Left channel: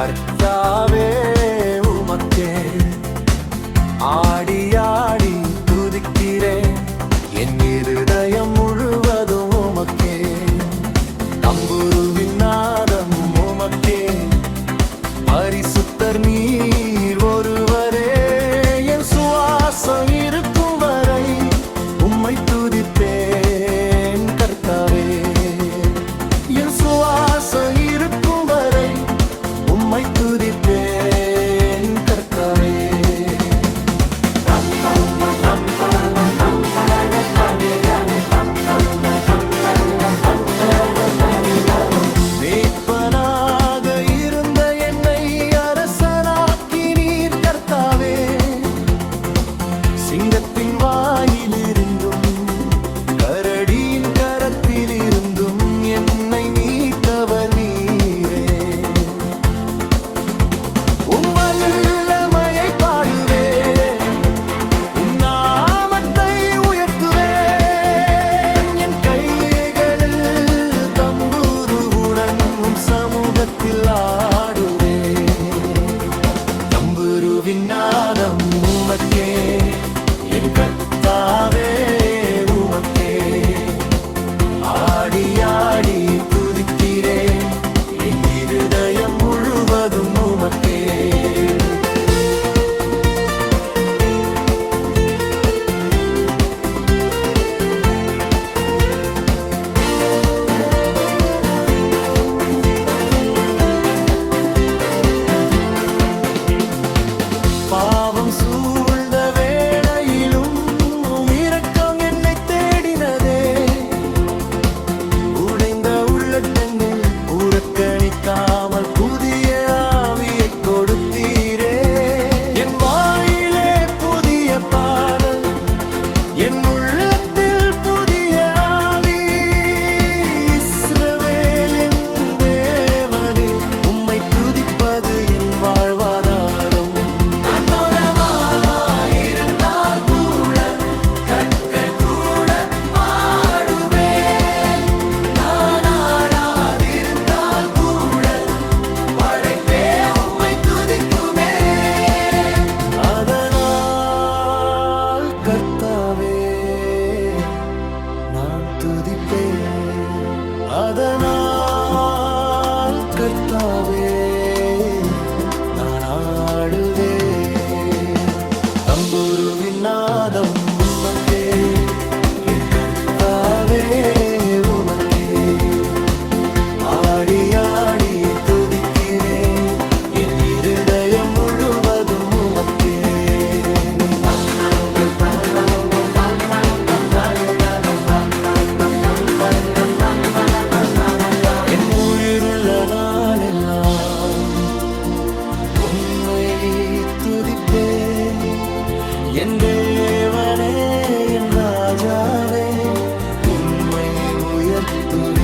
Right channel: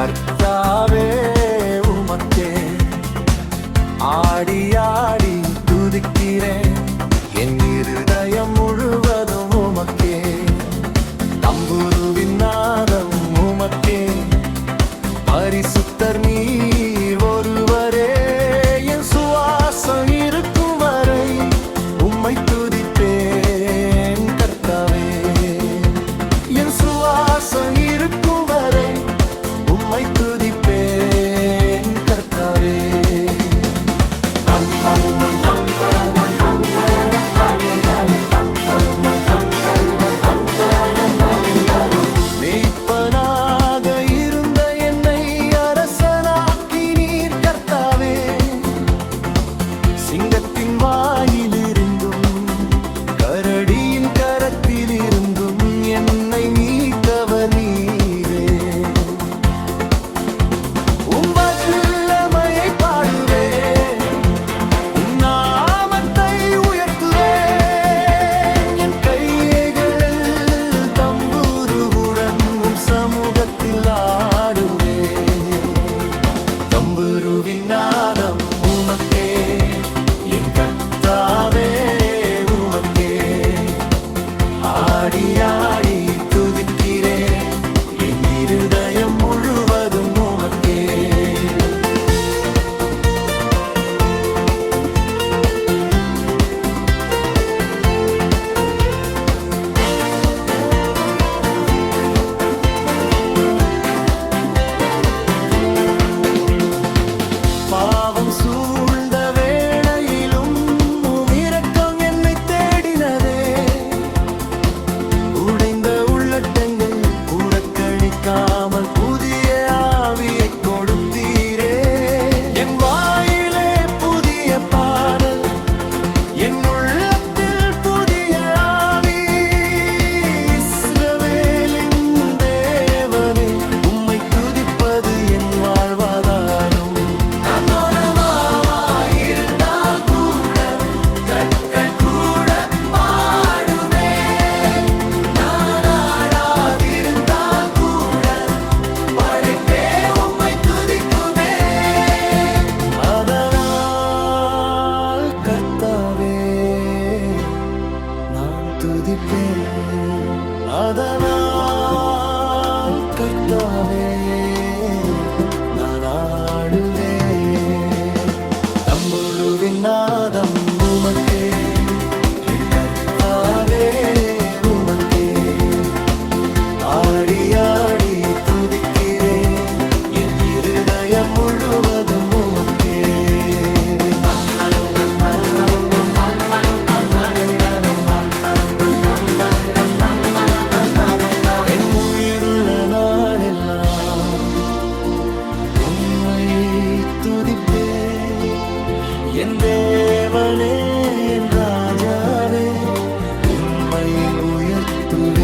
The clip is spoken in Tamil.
கர்த்தாவே உமக்கே ஆடி ஆடி துதிக்கிறேன். என் இருதயம் முழுவதும் உமக்கே. தம்புருவின் நாதம் உமக்கே. பரிசுத்தர் நீர் ஒருவரே. என் சுவாசம் இருக்கும் வரை உம்மை துதிப்பேன் கர்த்தாவே. என் சுவாசம் இருக்கும் வரை உம்மை துதிப்பேன் கர்த்தாவே. மேய்ப்பனாக இருந்த என்னை அரசனாக்கி நீர் கர்த்தாவே. சிங்கத்தின் வாயிலிருந்தும் கரடியின் கரத்திலிருந்தும் என்னை மீட்டவர் நீரே. உம் வல்லமையை பாடுவேன், உம் நாமத்தை உயர்த்துவேன். என் கைகளில் தம்புருவுடன் உம் சமூகத்தில் ஆடுவேன். தம்புருவின் நாதம் உமக்கே. என் கர்த்தாவே உமக்கே ஆடி ஆடி துதிக்கிறேன். என் இருதயம் முழுவதும் உமக்கே. பாவம் சூழ்ந்த வேளையிலும் உம் இரக்கம் என்னை தேடினதே. உடைந்த உள்ளட்டங்கள் புறக்கணிக்காமல் புதிய ஆவியை கொடுத்தீரே. என் வாயிலே புதிய பாடல், என் உள்ளத்தில் புதிய ஆவி. இஸ்ரவேலின் தேவனே, உம்மை துதிப்பது என் வாழ்வாதாரம். கர்த்தாவே நான் துதிப்பேன். அதனால் கர்த்தாவே நான் ஆடுவேன். தம்புருவின் நாதம் உமக்கே. என் கர்த்தாவே உமக்கே ஆடி ஆடி துதிக்கிறேன். என் இருதயம் முழுவதும் உமக்கே. நாளெல்லாம் உம்மை துதிப்பேன். என் தேவனே, என் ராஜாவே, உம்மை உயர்த்துவேன்.